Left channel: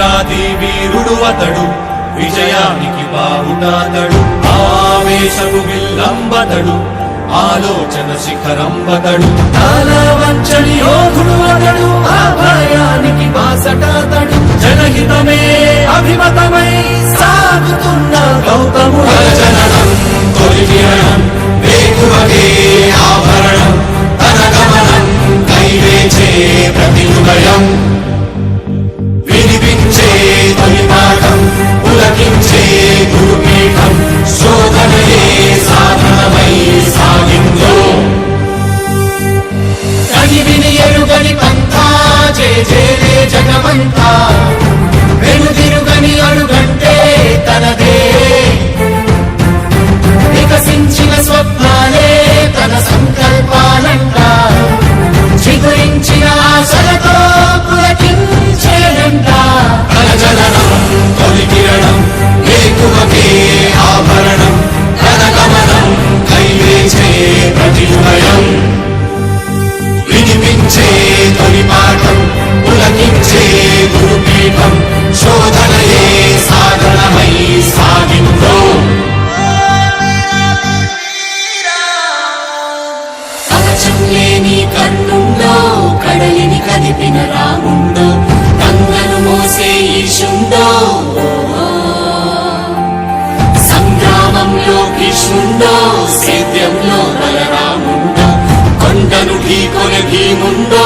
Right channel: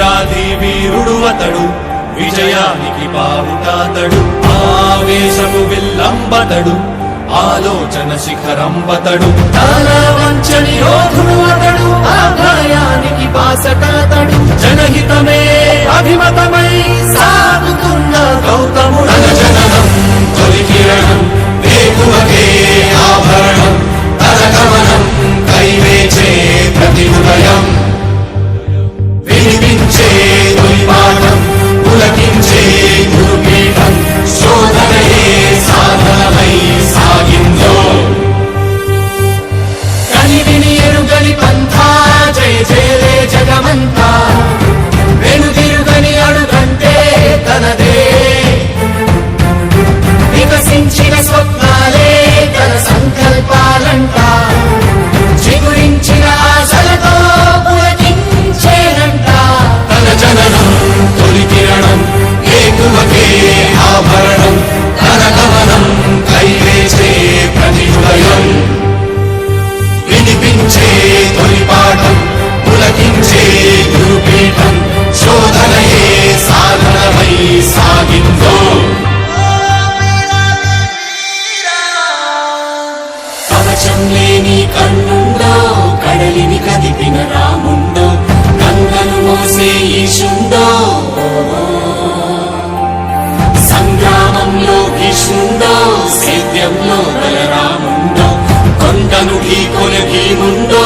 వీరాది వీరుడు అతడు విజయానికి బావుటాతడు ఆవేశపు విల్లంబతడు ఆలోచన శిఖరంబతడు. తల వంచని యోధుడు అతడు అభయానికి బాసటాతడు. జనహితమే అభిమతమై సాగుతున్న గౌతముడు. జననం తొలి కిరణం వేకువకే ఆభరణం తన గమనం కైవేచే ప్రతి ఉదయం. వికసించిన స్వప్నాలే తన సంకల్పాలంట. చిగురించిన ఆశలతో పులకించేనంట. తన జననం తొలి కిరణం ఏకువకే ఆభరణం తన గమనం కైవేచే ప్రతిభయం. వినిపించే తొలి పాఠం పులకించే కన్నుండో కడలిని కదిపిన రాముండో గంగను మోసే ఈశుండో. సంగ్రామంలో భీష్ముండో సేద్యంలో బలరాముండో కొండను ఢీకొన భీముండో.